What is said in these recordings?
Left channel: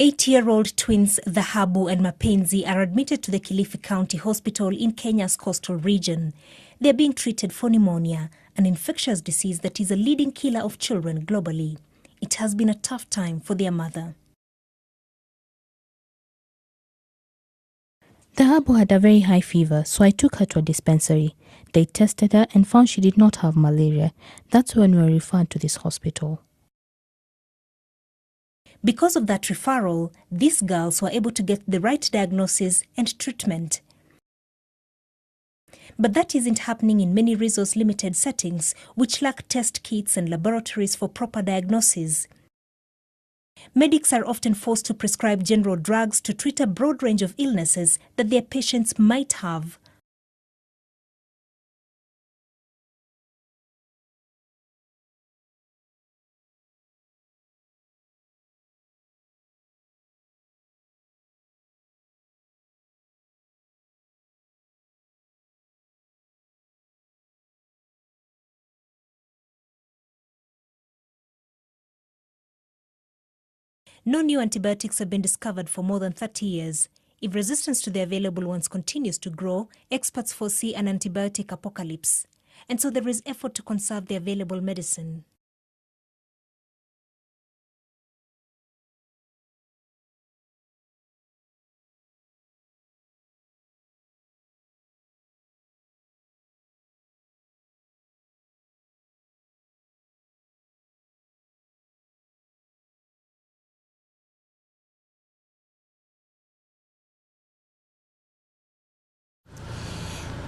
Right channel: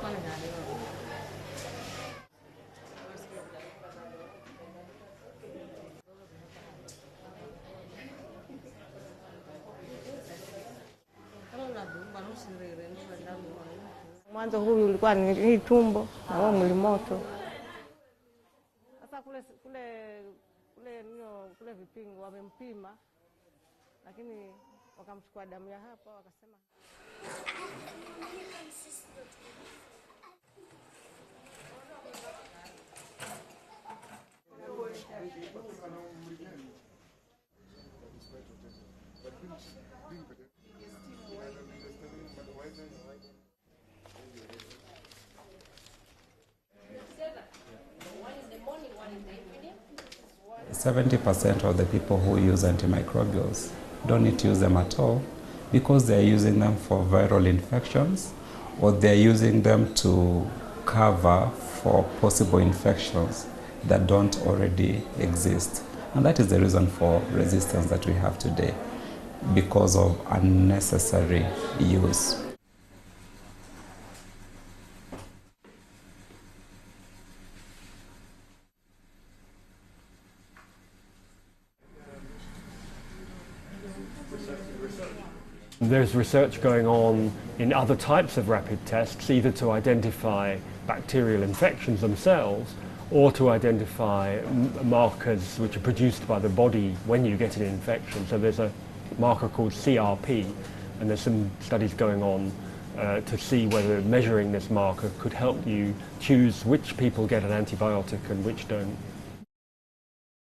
8-year-old twins Dhahabu and Mapenzi are admitted to the Kilifi County Hospital in Kenya's coastal region. They are being treated for pneumonia, an infectious disease that is a leading killer of children globally. It has been a tough time for their mother. Dhahabu had a very high fever, so I took her to a dispensary. They tested her and found she did not have malaria. That's when we were referred to this hospital. Because of that referral, these girls were able to get the right diagnosis and treatment. But that isn't happening in many resource-limited settings, which lack test kits and laboratories for proper diagnosis. Medics are often forced to prescribe general drugs to treat a broad range of illnesses that their patients might have. 70% of the people who use antimicrobials don't need to use them at all because they're using them for viral infections, or they're using them to cover for possible infections that don't already exist. And that is the reason for resistance that we have today, because of unnecessary use. No new antibiotics have been discovered for more than 30 years. If resistance to the available ones continues to grow, experts foresee an antibiotic apocalypse. And so there is effort to conserve the available medicine. There's research going on in other types of rapid tests, either to identify bacterial infections themselves or to identify markers which are produced by the body when you get an infection. So there's a marker called CRP, and there's some studies going on to see whether measuring this marker could help you choose which people get an antibiotic and which don't.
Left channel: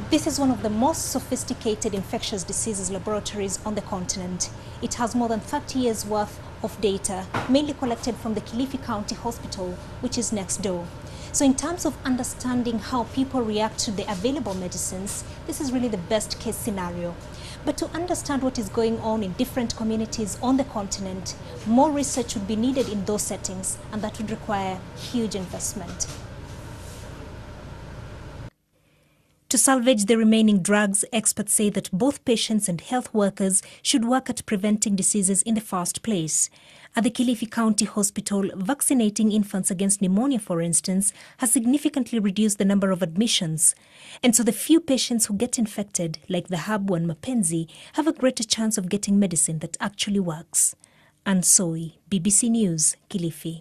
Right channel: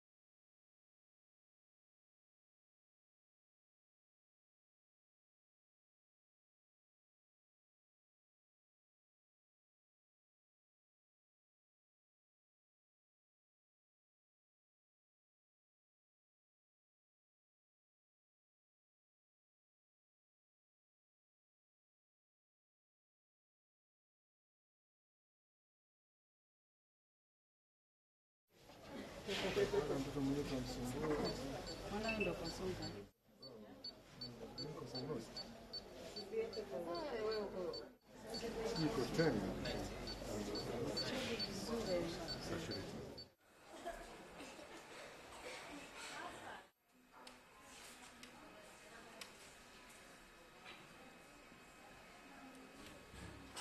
This is one of the most sophisticated infectious diseases laboratories on the continent. It has more than 30 years worth of data, mainly collected from the Kilifi County Hospital, which is next door. So in terms of understanding how people react to the available medicines, this is really the best case scenario. But to understand what is going on in different communities on the continent, more research would be needed in those settings, and that would require huge investment. To salvage the remaining drugs, experts say that both patients and health workers should work at preventing diseases in the first place. At the Kilifi County Hospital, vaccinating infants against pneumonia, for instance, has significantly reduced the number of admissions. And so the few patients who get infected, like the Dhahabu and Mapenzi, have a greater chance of getting medicine that actually works. Anne Soy, BBC News, Kilifi.